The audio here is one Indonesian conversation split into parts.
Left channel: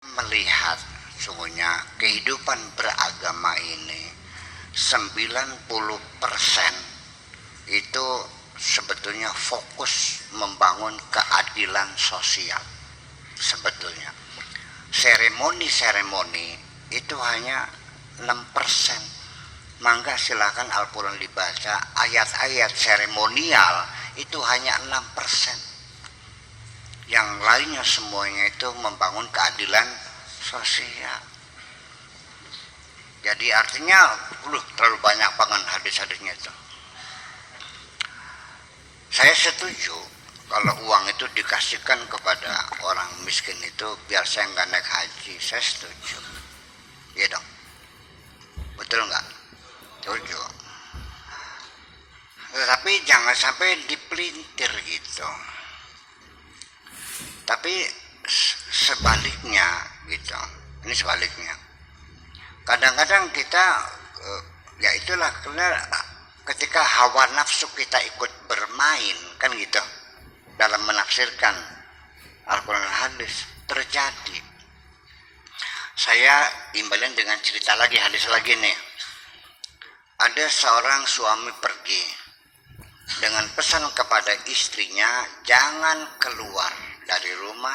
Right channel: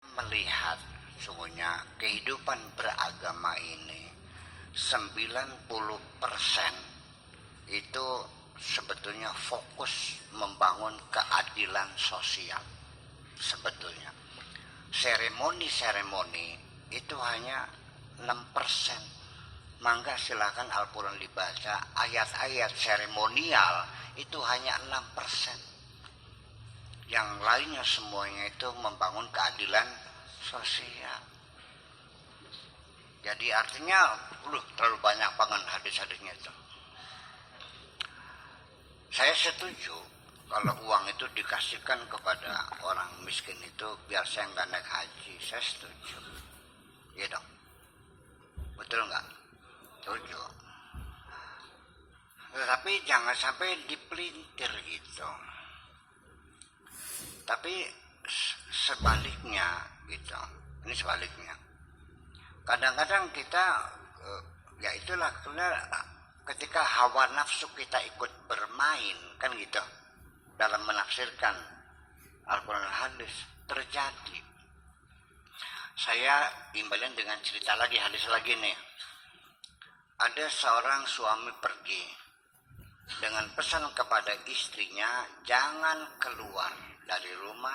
Melihat sungguhnya kehidupan beragama ini 90% itu sebetulnya fokus membangun keadilan sosial. Sebetulnya seremoni-seremoni itu hanya 6%. Mangga silakan Al-Quran dibaca, ayat-ayat seremonial itu hanya 6%. Yang lainnya semuanya itu membangun keadilan sosial. Jadi artinya terlalu banyak banget hadis-hadisnya itu. Saya setuju kalau uang itu dikasihkan kepada orang miskin itu biar saya nggak naik haji, saya setuju. Iya dong, betul nggak? Setuju. Tetapi jangan sampai dipelintir gitu. Tapi sebaliknya gitu, ini sebaliknya. Kadang-kadang kita ya itulah karena ketika hawa nafsu kita ikut bermain kan gitu dalam menafsirkan Al-Quran dan hadis terjadi. Saya imbalin dengan cerita lagi, hadis lagi nih. Ada seorang suami pergi dengan pesan kepada istrinya, jangan keluar dari rumah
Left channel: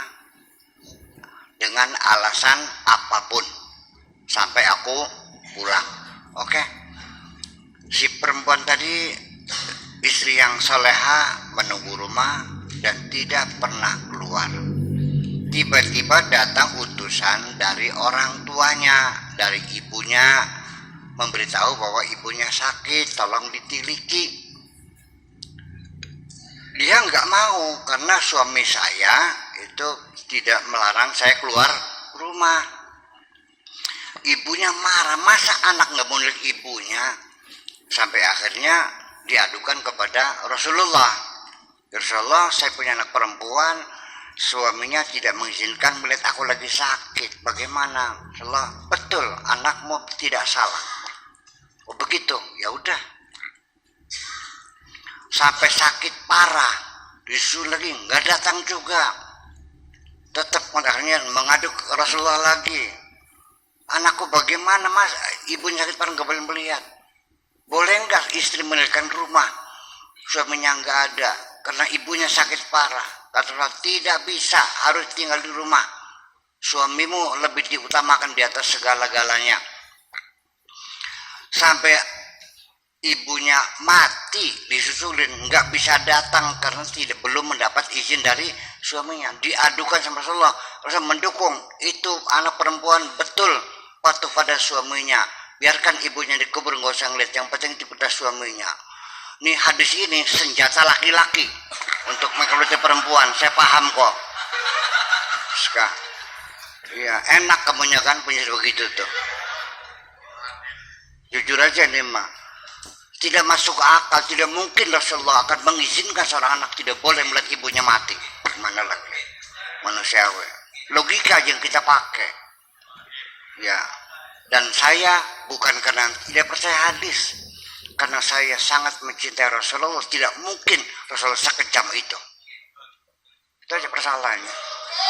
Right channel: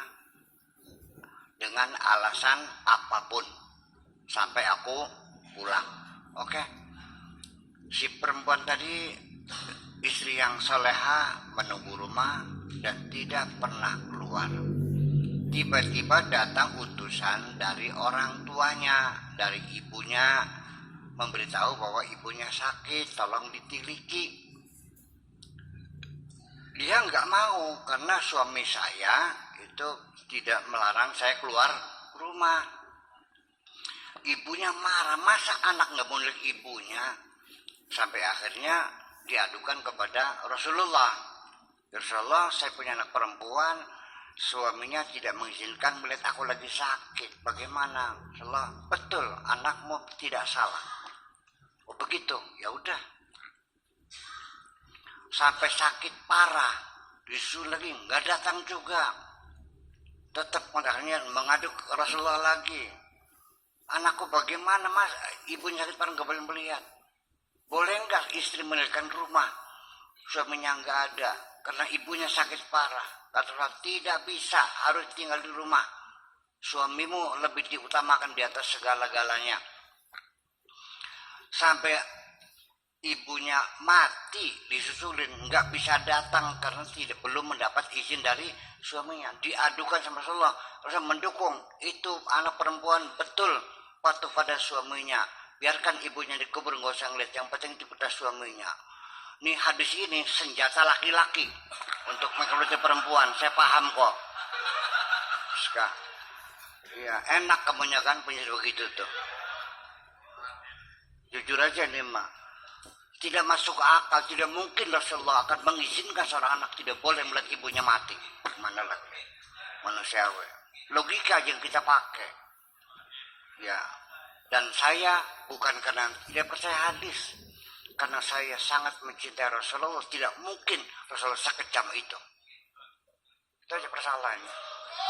dengan alasan apapun sampai aku pulang. Oke. Si perempuan tadi, istri yang soleha, menunggu rumah dan tidak pernah keluar. Tiba-tiba datang utusan dari orang tuanya, dari ibunya, memberitahu bahwa ibunya sakit, tolong ditiliki. Dia nggak mau karena suami saya itu tidak melarang saya keluar rumah. Ibunya marah, masa anak nggak mau lihat ibunya? Sampai akhirnya diadukan kepada Rasulullah. Rasulullah, saya punya anak perempuan, suaminya tidak mengizinkan melihat aku lagi sakit. Bagaimana? Rasulullah, betul, anakmu tidak salah. Oh begitu, ya udah. Sampai sakit parah, disuruh lagi, nggak datang juga. Tetap akhirnya mengadu ke Rasulullah lagi. Anakku bagaimana mas? Ibunya sakit parah nggak boleh melihat. Boleh nggak istri meninggalkan rumah? Suaminya nggak ada karena ibunya sakit parah. Kata Rasulullah, tidak bisa, harus tinggal di rumah. Suamimu lebih diutamakan di atas segala-galanya. Sampai ibunya mati disusulin, nggak bisa datang karena belum mendapat izin dari suaminya. Diadukan sama Rasulullah, Rasulullah mendukung itu anak perempuan betul patuh pada suaminya. Biarkan ibunya dikubur, nggak usah ngeliat, yang penting itu pada suaminya. Nih hadis ini senjata laki-laki untuk mengkritik perempuan, saya paham kok. Sekarang, ya enak kamunya kan punya begitu tuh. Jujur aja nih mah. Tidak masuk akal, tidak mungkin Rasulullah akan mengizinkan seorang anak tidak boleh melihat ibunya mati. Mana lagi manusiawi, logika yang kita pakai ya. Dan saya bukan karena tidak percaya hadis, karena saya sangat mencintai Rasulullah. Tidak mungkin Rasulullah sekejam itu. Itu aja persoalannya.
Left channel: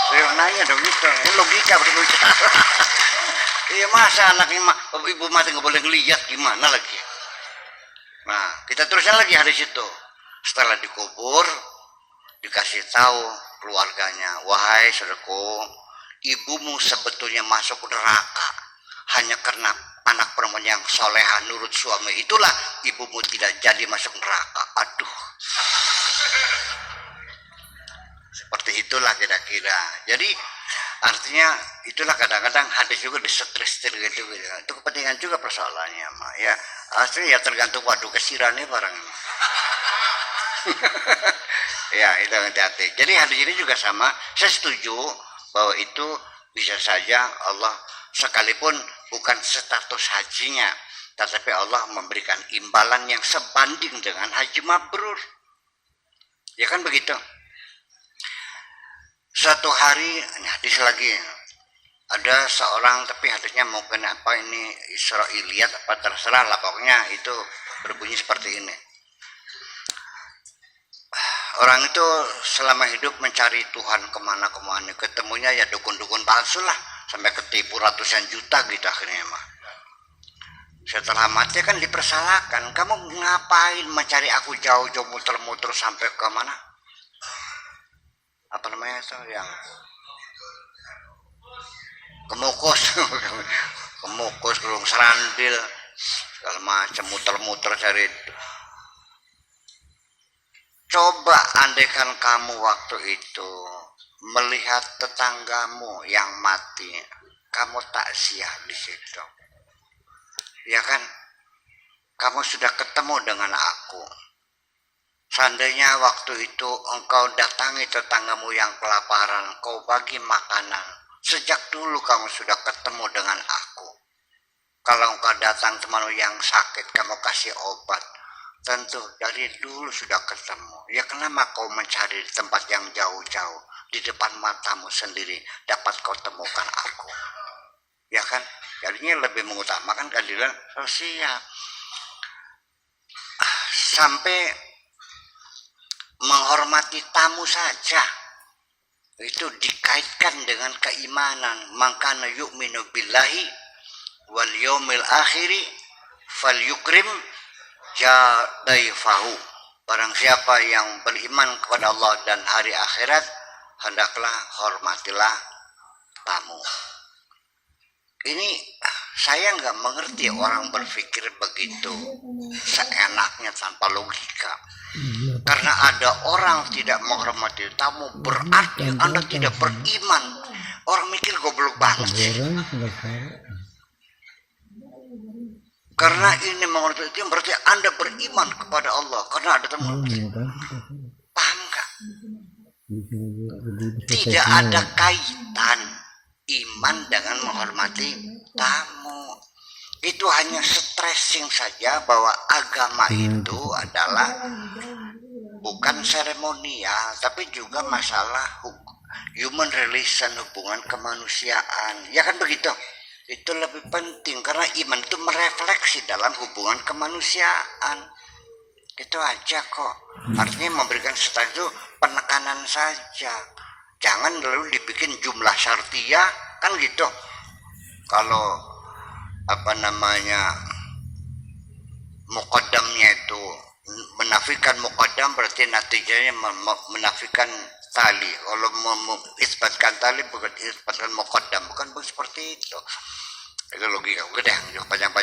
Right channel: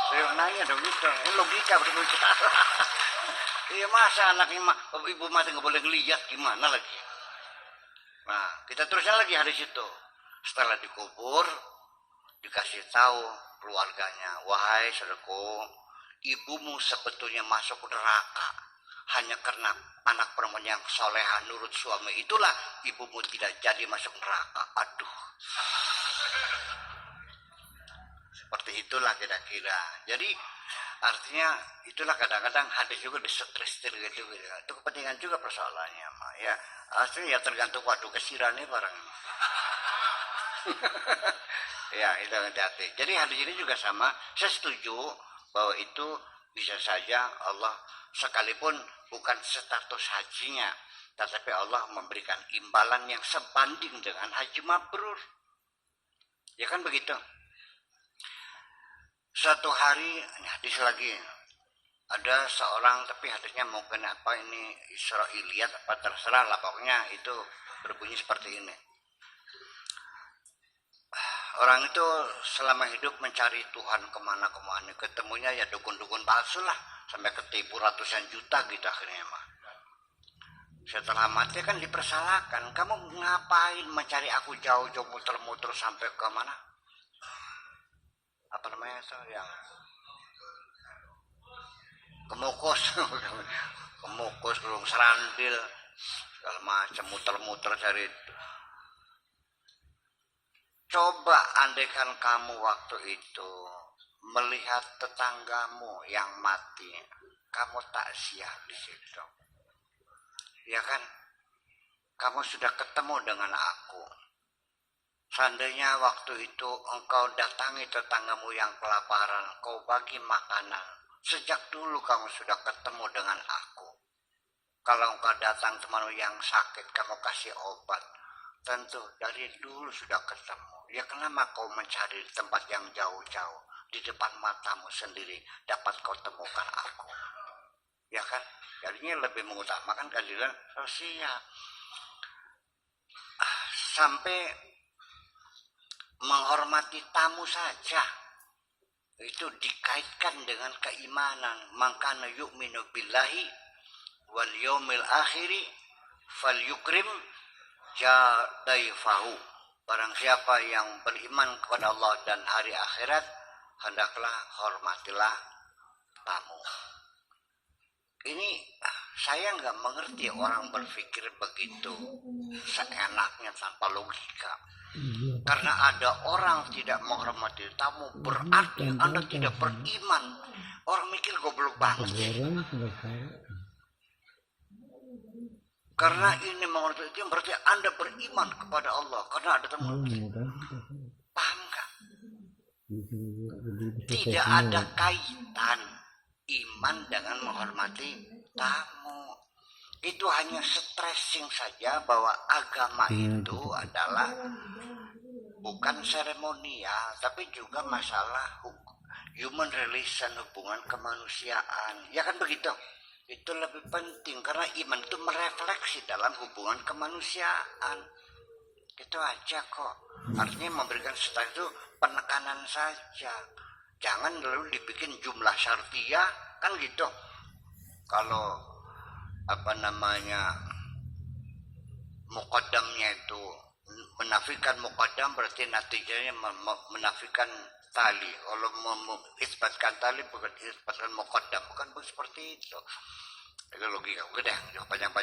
Saya nanya dong itu, logika berbicara. Iya masa anaknya ibu mati nggak boleh ngelihat, gimana lagi? Nah, kita terusnya lagi hadis itu. Setelah dikubur, dikasih tahu keluarganya, wahai saudaraku, ibumu sebetulnya masuk neraka hanya karena anak perempuan yang soleha nurut suami. Itulah ibumu tidak jadi masuk neraka. Aduh. Seperti itulah kira-kira. Jadi artinya itulah kadang-kadang hadis juga disetir gitu. Itu kepentingan juga persoalannya, Ma. Ya, aslinya ya tergantung waduh kesirannya barang. Ya, itu hati-hati. Jadi hadis ini juga sama. Saya setuju bahwa itu bisa saja Allah sekalipun bukan status hajinya, tetapi Allah memberikan imbalan yang sebanding dengan haji mabrur. Ya kan begitu. Suatu hari, hadis lagi, ada seorang, tapi hadisnya mungkin apa ini Israiliyat apa terserah lah, pokoknya itu berbunyi seperti ini. Orang itu selama hidup mencari Tuhan kemana-kemana, ketemunya ya dukun-dukun palsu lah, sampai ketipu ratusan juta gitu akhirnya mah. Setelah mati kan dipersalahkan, kamu ngapain mencari aku jauh-jauh muter-muter sampai ke mana? Apa namanya itu yang Kemukus, Kemukus, Gunung Serandil, segala macam muter-muter cari itu. Coba andaikan kamu waktu itu melihat tetanggamu yang mati, kamu takziah di situ. Ya kan? Kamu sudah ketemu dengan aku. Seandainya waktu itu engkau datangi tetanggamu yang kelaparan, kau bagi makanan. Sejak dulu kamu sudah ketemu dengan aku. Kalau engkau datang temanmu yang sakit, kamu kasih obat. Tentu dari dulu sudah ketemu. Ya kenapa kau mencari di tempat yang jauh-jauh? Di depan matamu sendiri dapat kau temukan aku. Ya kan? Jadinya lebih mengutamakan keadilan sosial. Sampai menghormati tamu saja itu dikaitkan dengan keimanan. Mangkana yu'minu billahi wal yaumil akhiri falyukrim jadaifahu. Barang siapa yang beriman kepada Allah dan hari akhirat, hendaklah hormatilah tamu. Ini saya nggak mengerti orang berpikir begitu seenaknya tanpa logika. Karena ada orang tidak menghormati tamu berarti Anda tidak beriman. Orang mikir goblok banget sih. Karena ini menghormati itu berarti Anda beriman kepada Allah karena ada tamu. Paham nggak? Tidak ada kaitan iman dengan menghormati tamu. Itu hanya stressing saja bahwa agama itu adalah bukan seremonial, tapi juga masalah human relation, hubungan kemanusiaan. Ya kan begitu? Itu lebih penting karena iman itu merefleksi dalam hubungan kemanusiaan. Itu aja kok. Artinya memberikan status itu penekanan saja. Jangan lalu dibikin jumlah syartiyah kan gitu. Kalau apa namanya muqaddamnya itu menafikan muqaddam berarti natijanya menafikan tali. Kalau mengisbatkan tali bukan isbatkan muqaddam, bukan seperti itu. Itu logika. Udah, panjang-panjang.